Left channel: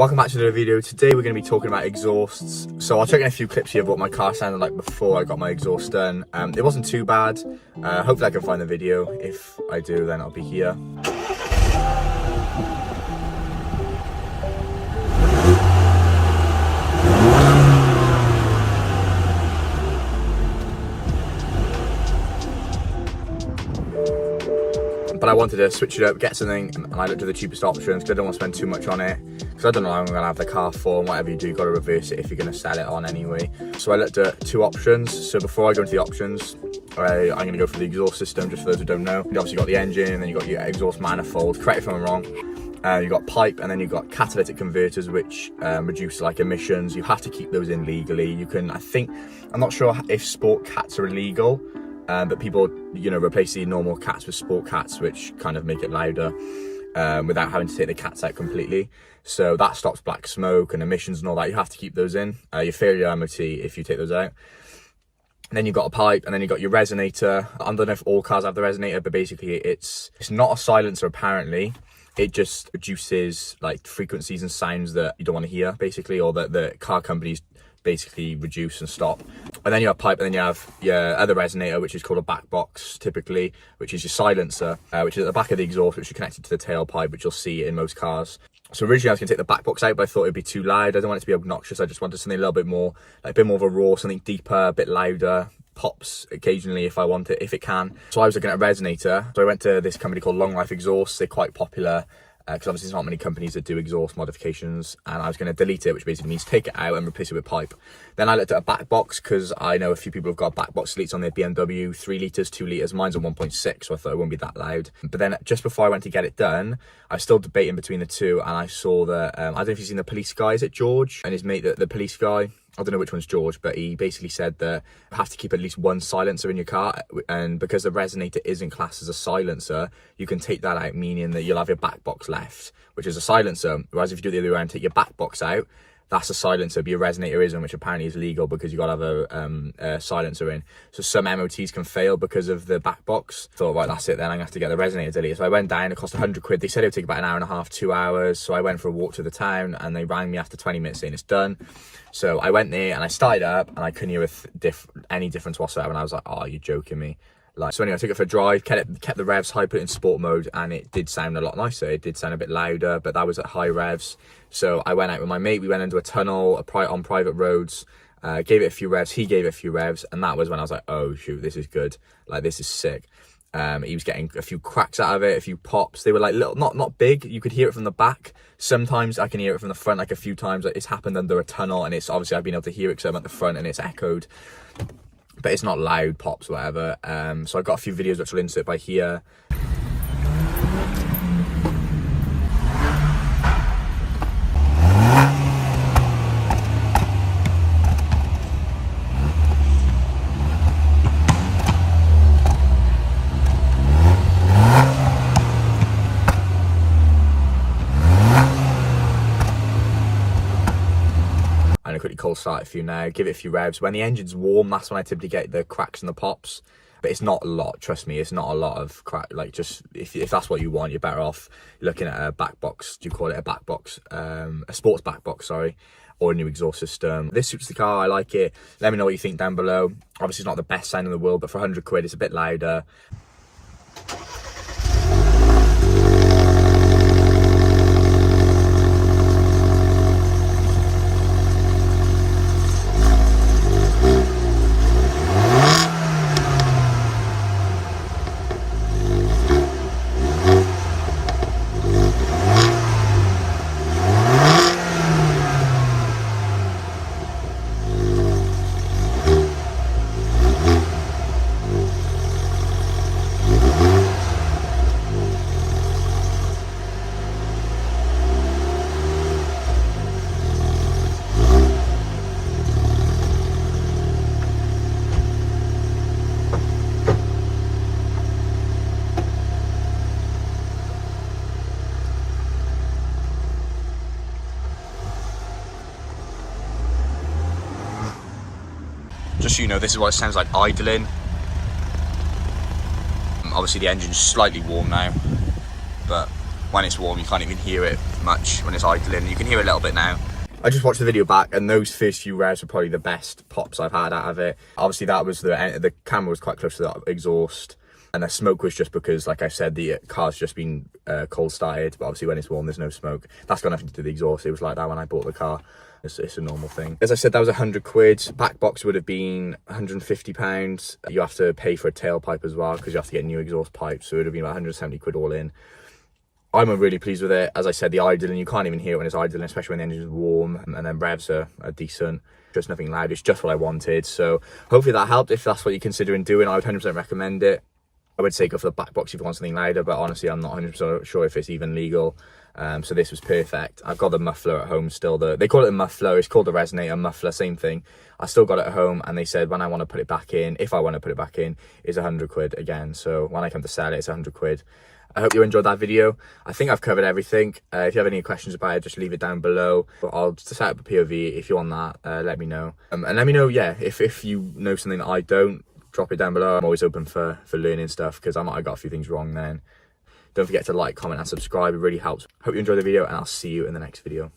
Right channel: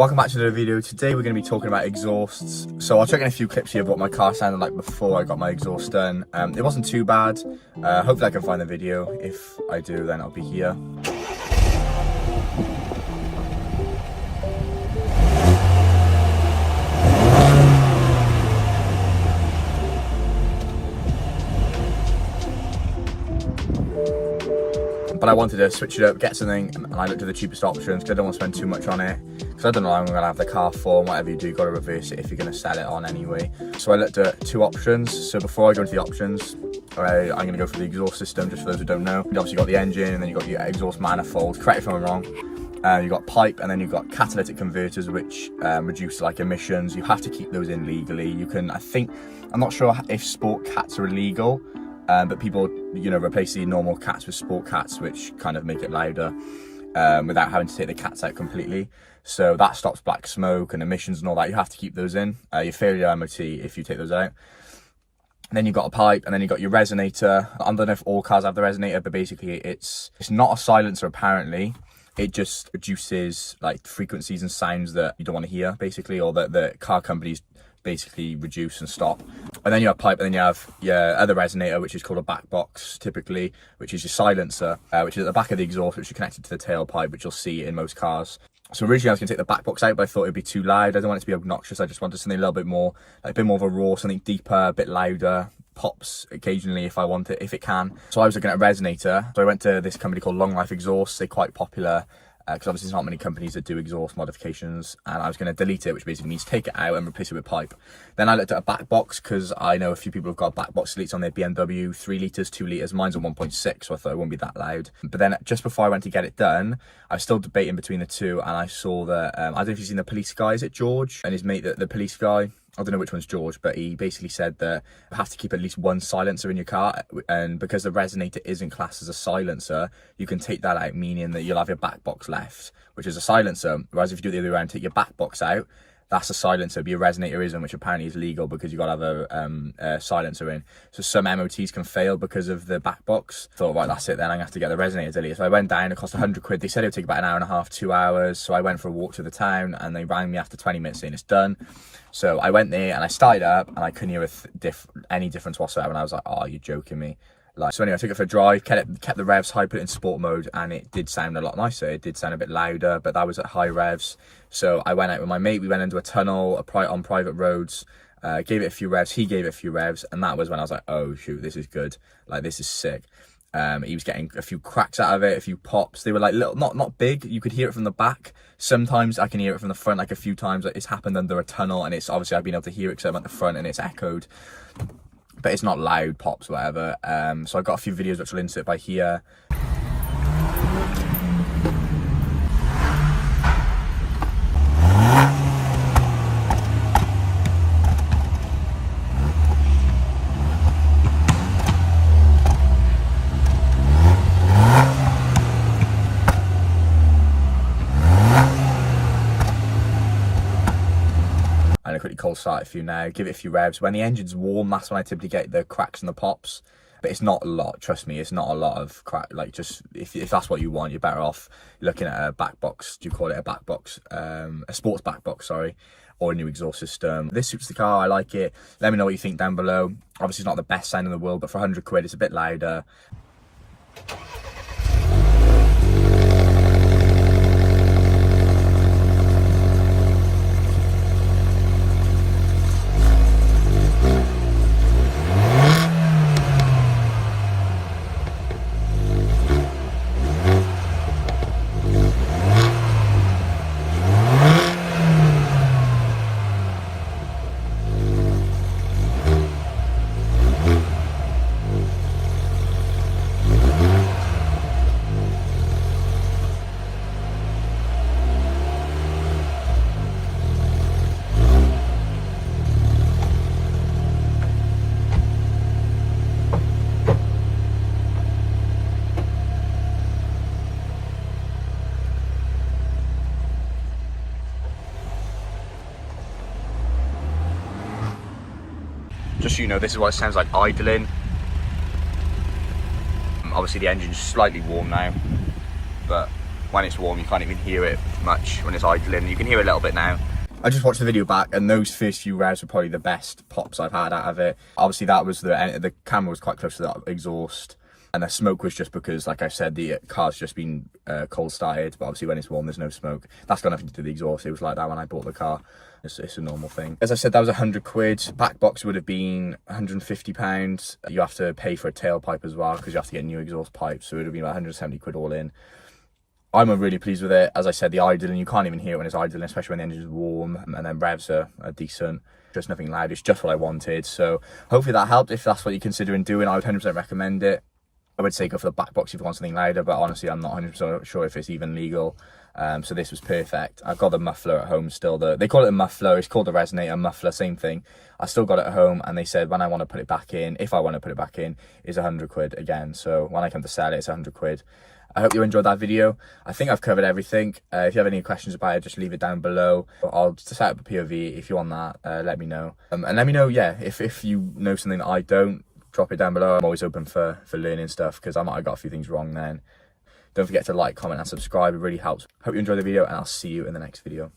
Welcome back to the video. Today we're going to be talking about exhausts. So I'll check in a few clips here of what my car sounded like before I got my exhaust done. It wasn't too bad. Hopefully I can find the video. If I do, then I'll be here. But I wanted to switch it up, get something, and I looked at the cheapest options because I don't want to spend too much on it. Because I don't know how I'm going to have the car for, and whatever you do, you've got to reverse it if you're going to sell it on anyway. So I looked at two options. So before I go into the options, I'm going to go for the exhaust system, just for those who don't know. You obviously got the engine, and then you've got your exhaust manifold. Correct if I'm wrong. You've got pipe, and then you've got catalytic converters, which reduce like emissions. You have to keep those in legally. You can, I'm not sure if sport cats are illegal. But people, replace the normal cats with sport cats, which kind of make it louder without having to take the cats out completely. So that stops black smoke and emissions and all that. You have to keep those in. You fail your MOT if you take those out. And then you've got a pipe, and then you've got your resonator. I don't know if all cars have the resonator, but basically it's not a silencer apparently. It just reduces like frequencies and sounds that you don't want to hear, basically, or that the car companies basically reduce and stop. And then you have pipe, and then you have your other resonator, which is called a back box typically, which is your silencer, which is at the back of the exhaust, which is connected to the tailpipe, which you'll see in most cars. So originally I was going to take the back box out, but I thought it'd be too loud. I don't want it to be obnoxious. I just wanted something a little bit more, like a bit more of a raw, something deeper, a bit louder. Pops occasionally if I want it, if it can. So I was looking at a resonator. So I went to this company called Long Life Exhaust. They're quite popular. Because obviously there's not many companies that do exhaust modifications, and I was going to delete it, which basically means take it out and replace it with pipe. Then I looked at a back box, because I know a few people have got back box deletes on their BMW, 3 litres, 2 litres, mine's a 1.6, so I thought it wouldn't be that loud. But then just before I went to get it done, I was still debating between the two, and I saw that, I don't know if you've seen the police guy, is it George? And his mate, the police guy, I don't know which one's George, but he basically said that you have to keep at least one silencer in your car, and because the resonator isn't classed as a silencer, you can take that out, meaning that you'll have your back box left, which is a silencer. Whereas if you do it the other way around, take your back box out, that's a silencer, but your resonator isn't, which apparently is legal because you've got to have a silencer in. So some MOTs can fail because of the back box. Thought, right, that's it then, I'm going to have to get the resonator deleted. So I went down, it cost 100 quid. They said it would take about an hour and a half, 2 hours. So I went for a walk to the town, and they rang me after 20 minutes saying it's done. So I went there and I started up, and I couldn't hear any difference whatsoever. And I was like, oh, you're joking me. So anyway, I took it for a drive, kept the revs high, put it in sport mode, and it did sound a lot nicer. It did sound a bit louder, but that was at high revs. So I went out with my mate, we went into a tunnel on private roads, gave it a few revs, he gave it a few revs, and that was when I was like, oh shoot, this is good. Like, this is sick. He was getting a few cracks out of it, a few pops. They were like little, not big. You could hear it from the back. Sometimes I can hear it from the front, like a few times. It's happened under a tunnel, and it's obviously I've been able to hear it because I'm at the front and it's echoed. But it's not loud pops, whatever. So I've got a few videos which will insert by here. I'm gonna quickly cold start a few now, give it a few revs. When the engine's warm, that's when I typically get the cracks and the pops. But it's not a lot, trust me, it's not a lot of crack. Like, just if that's what you want, you're better off looking at a back box. Do you call it a back box? A sports back box, sorry, or a new exhaust system. This suits the car, I like it. Let me know what you think down below. Obviously it's not the best sound in the world, but for 100 quid it's a bit louder. Just so you know, this is what it sounds like idling. Obviously the engine's slightly warm now, but when it's warm, you can't even hear it much when it's idling. You can hear it a little bit now. I just watched the video back, and those first few revs were probably the best pops I've had out of it. Obviously, that was the camera was quite close to the exhaust, and the smoke was just because, like I said, the car's just been cold started. But obviously, when it's warm, there's no smoke. That's got nothing to do with the exhaust. It was like that when I bought the car. It's a normal thing. As I said, that was 100 quid. Back box would have been 150 pounds. You have to pay for a tailpipe as well because you have to get new exhaust pipes. So it would have been about 170 quid all in. I'm really pleased with it. As I said, the idling, you can't even hear it when it's idling, especially when the engine is warm, and then revs are decent. Just nothing loud. It's just what I wanted. So hopefully that helped. If that's what you're considering doing, I would 100% recommend it. I would say go for the back box if you want something louder, but honestly, I'm not 100% sure if it's even legal. So this was perfect. I've got the muffler at home still. They call it a muffler. It's called the Resonator muffler, same thing. I still got it at home, and they said when I want to put it back in, if I want to put it back in, is 100 quid again. So when I come to sell it, it's 100 quid. I hope you enjoyed that video. I think I've covered everything. If you have any questions about it, just leave it down below. I'll set up a POV. If you want that, let me know. And let me know, yeah, if you know something that I don't, drop it down below. I'm always open for learning stuff, because I might have got a few things wrong then. Don't forget to like, comment, and subscribe. It really helps. Hope you enjoyed the video, and I'll see you in the next video.